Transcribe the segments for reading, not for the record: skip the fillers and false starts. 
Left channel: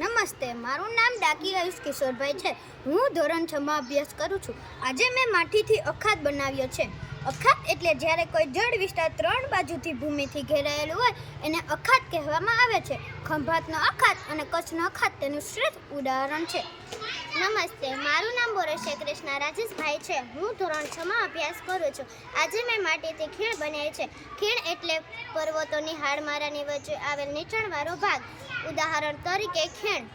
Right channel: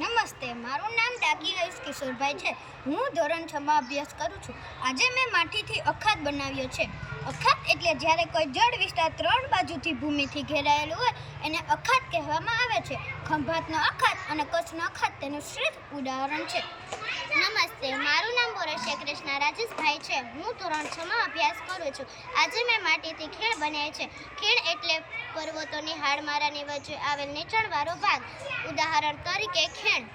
નમસ્તે, મારું નામ ડાકી આયુષ કિશોરભાઈ છે. હું ધોરણ 6 માં અભ્યાસ કરું છું. આજે મેં માટીથી અખાત બનાવ્યો છે. અખાત એટલે જ્યારે કોઈ જળ વિસ્તાર 3 બાજુથી ભૂમિથી ઘેરાયેલું હોય એને અખાત કહેવામાં આવે છે. ખંભાતનો અખાત અને કચ્છનો અખાત તેનું શ્રેષ્ઠ ઉદાહરણ છે. નમસ્તે, મારું નામ બોરસિયા કૃષ્ણા રાજેશભાઈ છે. હું ધોરણ 6 માં અભ્યાસ કરું છું. આજે મેં માટીથી ખીણ બનાવી છે. ખીણ એટલે પર્વતોની હાડમારાની વચ્ચે આવેલ નીચાણવાળો ભાગ. ઉદાહરણ તરીકે ખીણ.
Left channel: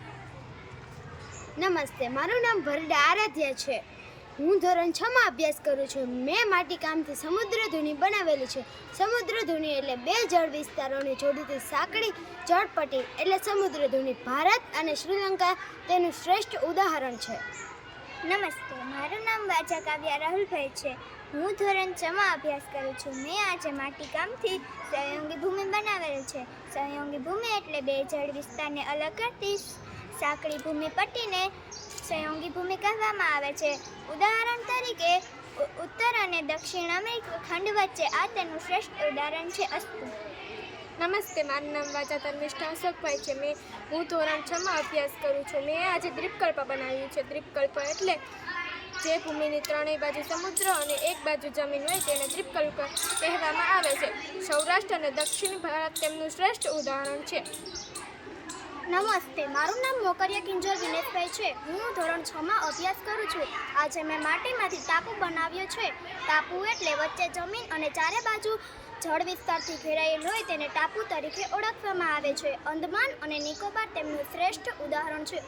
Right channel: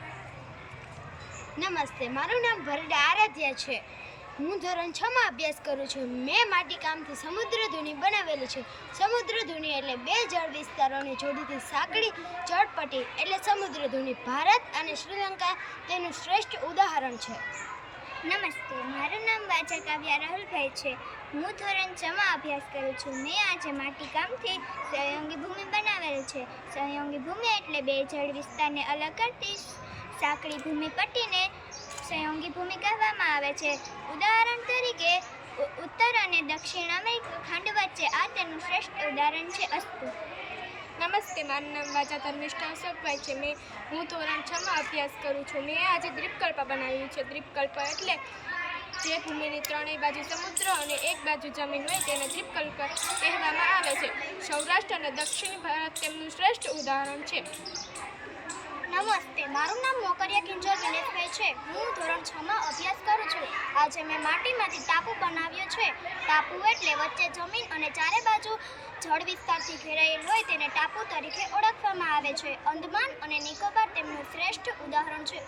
નમસ્તે, મારું નામ ભરડા આરાધ્યા છે. હું ધોરણ 6 માં અભ્યાસ કરું છું. મેં માટીકામથી સમુદ્રધુની બનાવેલી છે. સમુદ્રધુની એટલે બે જળ વિસ્તારોને જોડતી સાંકડી જળપટ્ટી એટલે સમુદ્રધુની. ભારત અને શ્રીલંકા તેનું શ્રેષ્ઠ ઉદાહરણ છે. નમસ્તે, મારું નામ વાજા કાવ્યા રાહુલભાઈ છે. હું ધોરણ 6 માં અભ્યાસ કરું છું. મેં આજે માટીકામથી સહયોગી ભૂમિ બનાવેલ છે. સહયોગી ભૂમિ એટલે બે જળ વિસ્તારને અલગ કરતી સાંકડી ભૂમિ પટ્ટીને સહયોગી ભૂમિ કહેવામાં આવે છે. ઉદાહરણ તરીકે ઉત્તર અને દક્ષિણ અમેરિકા ખંડ વચ્ચે આ તેનું શ્રેષ્ઠ ઉદાહરણ છે. અસ્તુ. નમસ્તે, મારું નામ વાજા તન્વિષ્ઠા અશોકભાઈ છે. હું ધોરણ 6 માં અભ્યાસ કરું છું. મેં આજે દ્વીપકલ્પ બનાવ્યું છે. દ્વીપકલ્પ એટલે જે ભૂમિની ત્રણેય બાજુ સમુદ્ર અને એક બાજુ જમીન હોય તેને દ્વીપકલ્પ કહેવામાં આવે છે. સૌરાષ્ટ્ર અને દક્ષિણ ભારત તેમનું શ્રેષ્ઠ ઉદાહરણ છે. નમસ્તે, મારું નામ મોકરિયા કિંજલ વિનેશભાઈ છે. હું ધોરણ 6 માં અભ્યાસ કરું છું. આજે મેં માટીમાંથી ટાપુ બનાવ્યો છે. ટાપુ એટલે વચ્ચે જમીન અને ચારે બાજુ જળ વિસ્તારથી ઘેરાયેલ હોય તેને ટાપુ તરીકે ઓળખવામાં આવે છે. અંદમાન અને નિકોબાર તેમનું શ્રેષ્ઠ ઉદાહરણ છે.